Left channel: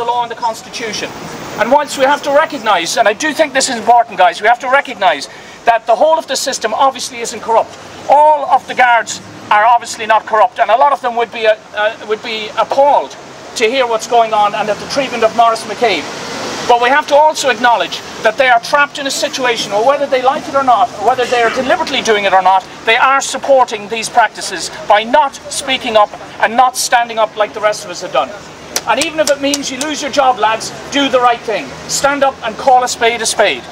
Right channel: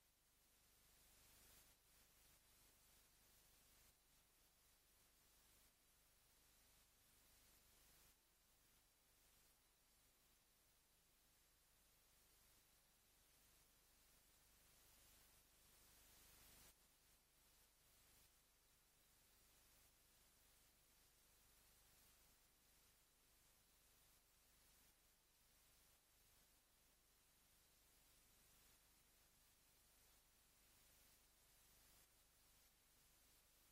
the law and the Constitution. And whilst we have to recognise, and I do think this is important, guys, we have to recognise that the whole of the system obviously isn't corrupt. All of the guards are obviously not corrupt, and a lot of them would be appalled to hear what's going on and at the treatment of Maurice McCabe. But we have to also acknowledge that they are trapped in a situation where, whether they like it or not, or whether they are deliberately doing it or not, they are supporting these practices by not speaking up and not standing up like the rest of us have done. And even if it means you lose your job, lads, do the right thing. Stand up and call a spade a spade.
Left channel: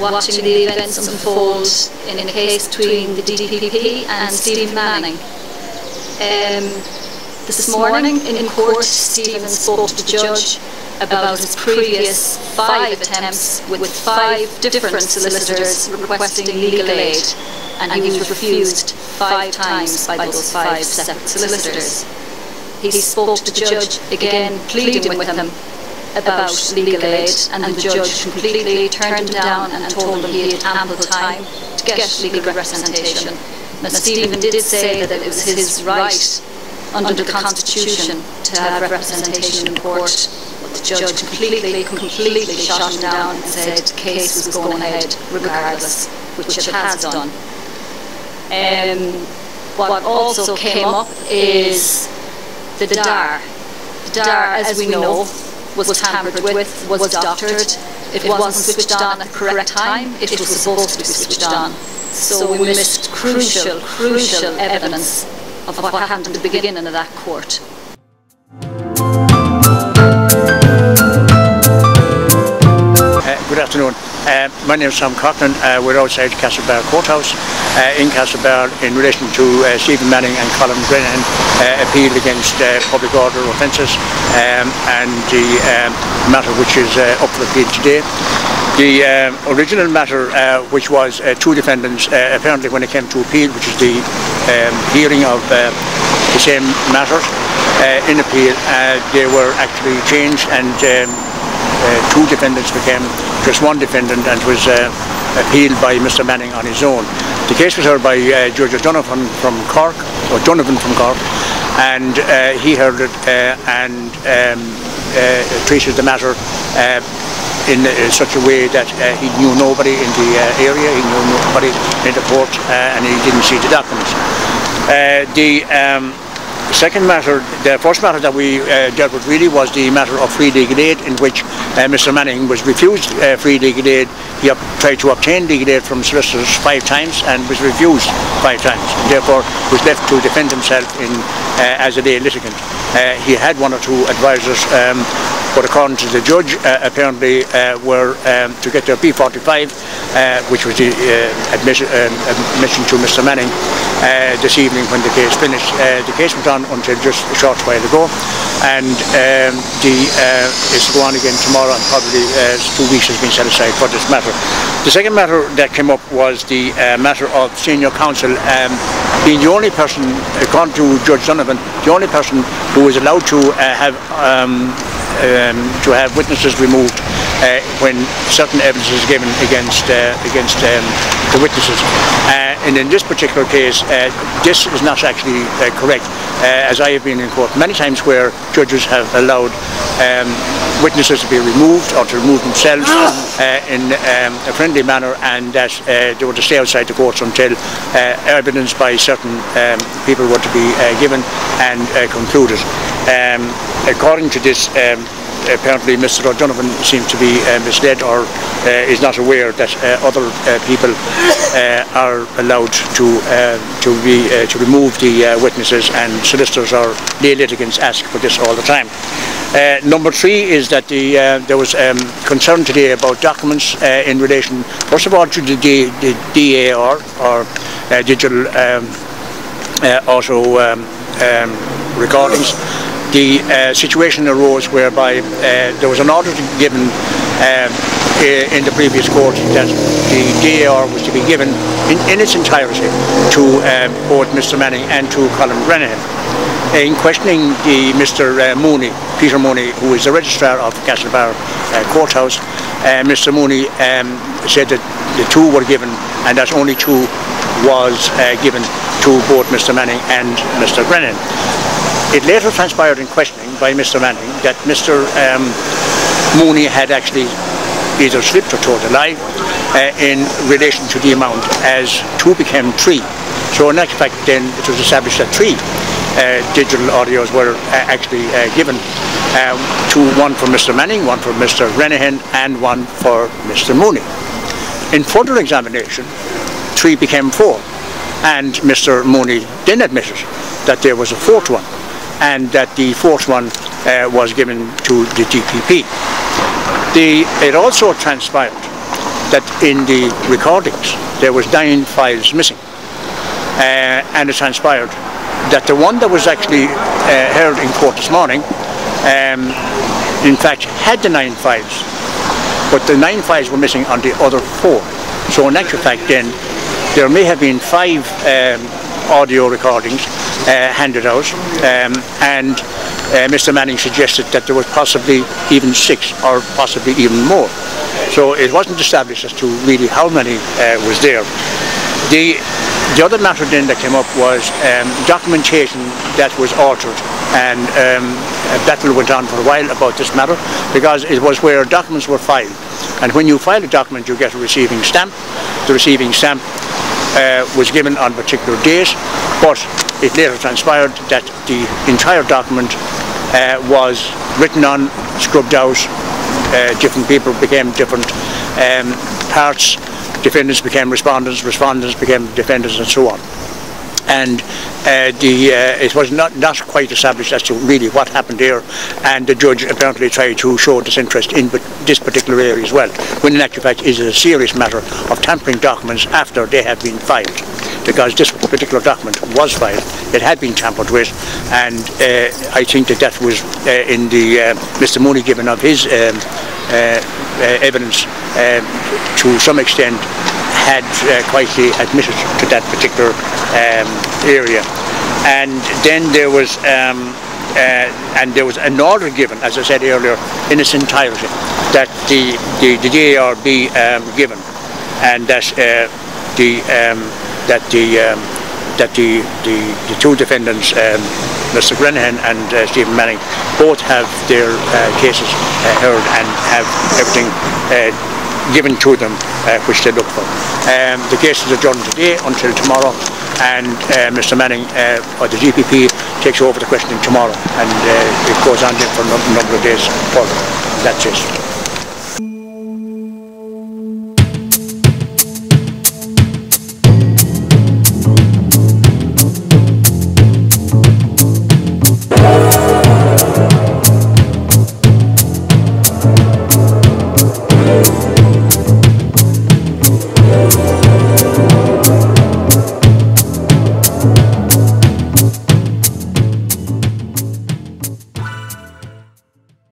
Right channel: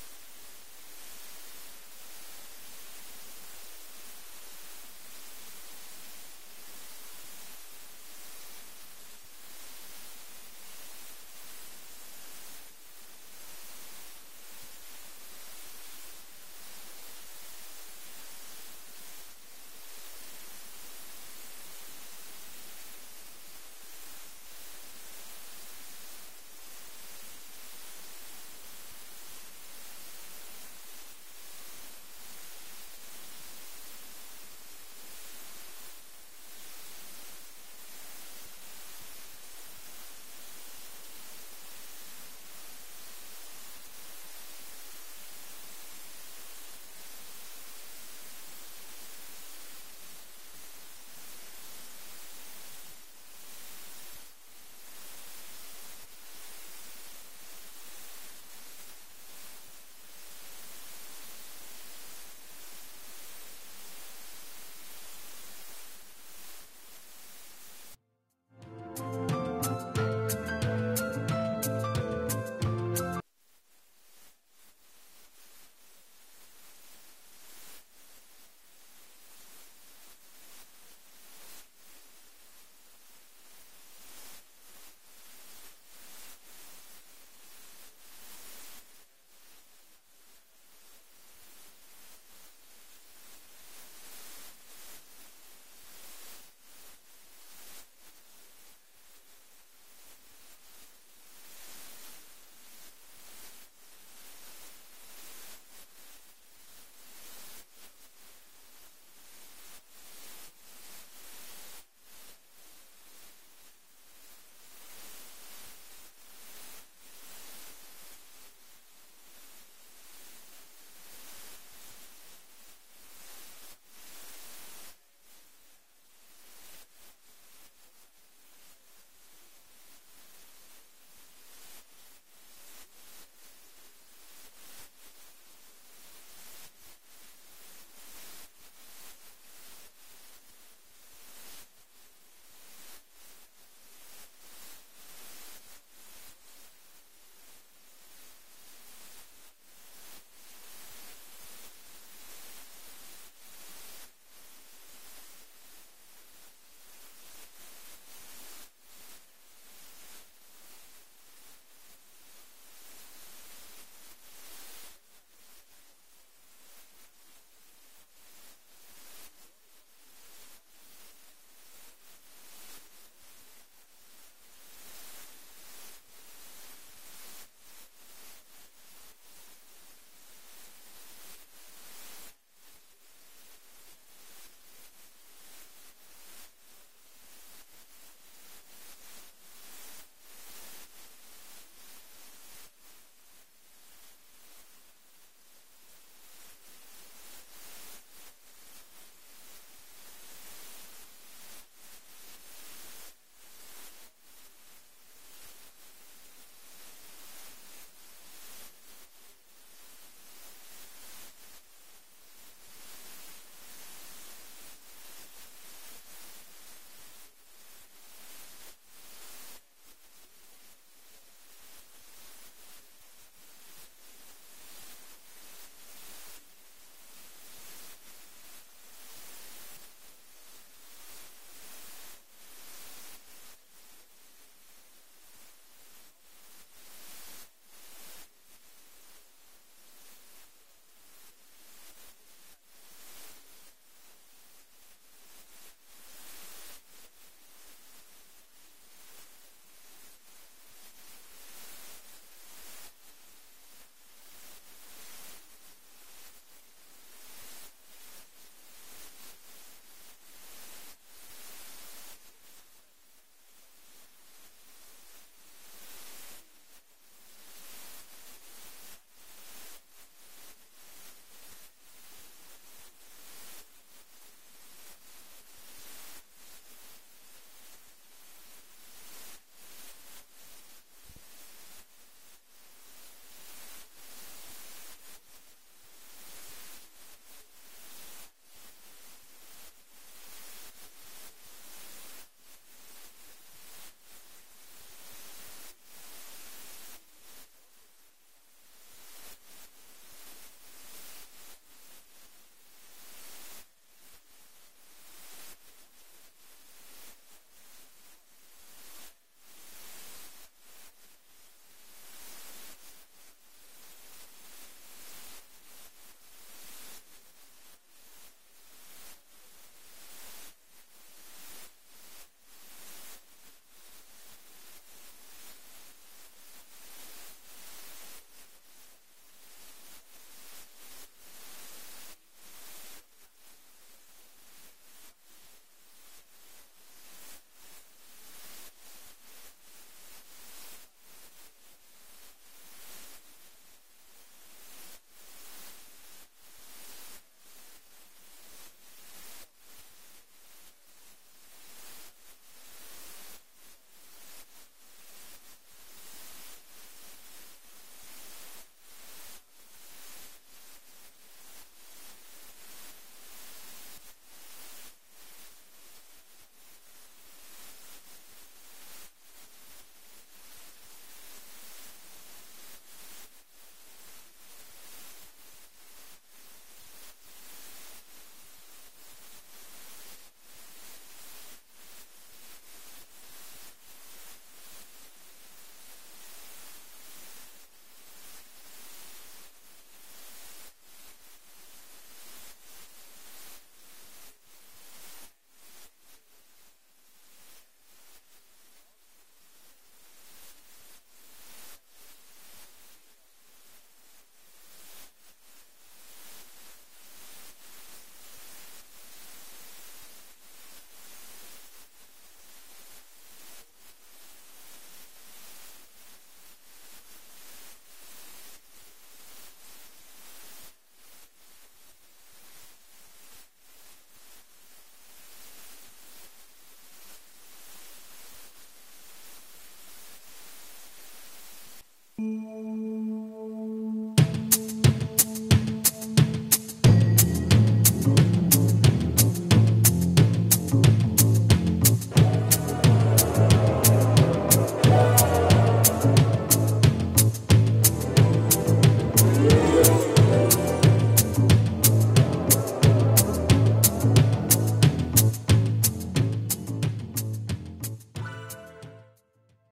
Watching the events unfold in a case between the DPP and Stephen Manning. This morning in court, Stephen spoke to the judge about his previous 5 attempts with 5 different solicitors requesting legal aid, and he was refused 5 times by those 5 separate solicitors. He spoke to the judge again, pleading with him about legal aid, and the judge completely turned him down and told him he had ample time to get legal representation. Now, Stephen did say that it was his right under the Constitution to have representation in court, but the judge completely shot him down and said the case was going ahead regardless, which it has done. What also came up is the DAR. The DAR, as we know, was tampered with, was doctored. It wasn't switched on at the correct time. It was supposed to be switched on. So we missed crucial evidence of what happened at the beginning of that court. Good afternoon. My name is Tom Coughlin. We're outside Castlebar Courthouse in Castlebar in relation to Stephen Manning and Colin Brennan appeal against public order offences and the matter which is up for appeal today. The original matter, which was 2 defendants, apparently when it came to appeal, which is the hearing of the same matter in appeal, they were actually changed, and 2 defendants became just 1 defendant, and was appealed by Mr. Manning on his own. The case was heard by Judge Donovan from Cork, and he heard it and treated the matter in such a way that he knew nobody in the area, he knew nobody in the court, and he didn't see the documents. The second matter, the first matter that we dealt with really was the matter of free legal aid, in which Mr. Manning was refused free legal aid. He tried to obtain legal aid from solicitors 5 times and was refused 5 times, and therefore was left to defend himself as a lay litigant. He had 1 or 2 advisors, but according to the judge, apparently were to get their P45, which was the admission to Mr. Manning this evening when the case finished. The case went on until just a short while ago, and it's to go on again tomorrow, and probably 2 weeks has been set aside for this matter. The second matter that came up was the matter of senior counsel being the only person, according to Judge Donovan, the only person who was allowed to have witnesses removed when certain evidence is given against the witnesses. And in this particular case, this is not actually correct, as I have been in court many times where judges have allowed witnesses to be removed or to remove themselves in a friendly manner, and that they were to stay outside the courts until evidence by certain people were to be given and concluded. According to this, apparently Mr. O'Donovan seems to be misled, or is not aware that other people are allowed to remove the witnesses, and solicitors or lay litigants ask for this all the time. Number 3 is that there was concern today about documents in relation, first of all, to the DAR, or digital auto recordings. The situation arose whereby there was an order given in the previous court that the DAR was to be given in its entirety to both Mr. Manning and to Colin Brennan. In questioning Peter Mooney, who is the registrar of Castlebar Courthouse, Mr. Mooney said that the 2 were given, and that only 2 was given to both Mr. Manning and Mr. Brennan. It later transpired in questioning by Mr. Manning that Mr. Mooney had actually either slipped or told a lie in relation to the amount, as 2 became 3. So in actual fact then it was established that 3 digital audios were actually given, 1 for Mr. Manning, 1 for Mr. Renahan, and 1 for Mr. Mooney. In further examination, 3 became 4, and Mr. Mooney then admitted that there was a 4th one, and that the 4th one was given to the GPP. It also transpired that in the recordings there was 9 files missing, and it transpired that the one that was actually heard in court this morning in fact had the 9 files, but the 9 files were missing on the other 4. So in actual fact then there may have been 5 audio recordings handed out, and Mr. Manning suggested that there was possibly even 6 or possibly even more. So it wasn't established as to really how many was there. The other matter then that came up was documentation that was altered, and a battle went on for a while about this matter, because it was where documents were filed, and when you file a document you get a receiving stamp. The receiving stamp was given on a particular date, but it later transpired that the entire document was written on, scrubbed out, different people became different parts, defendants became respondents, respondents became defendants, and so on. And it was not quite established as to really what happened there, and the judge apparently tried to show disinterest in this particular area as well, when in actual fact it is a serious matter of tampering documents after they have been filed, because this particular document was filed, it had been tampered with, and I think that was in the Mr. Mooney giving of his evidence to some extent had quietly admitted to that particular area. And then there was an order given, as I said earlier, in its entirety, that the DAR be given, and that the 2 defendants, Mr. Grenihan and Stephen Manning, both have their cases heard and have everything given to them which they look for. The case is adjourned today until tomorrow, and Mr. Manning, or the GPP, takes over the questioning tomorrow, and it goes on for a number of days further. That's it.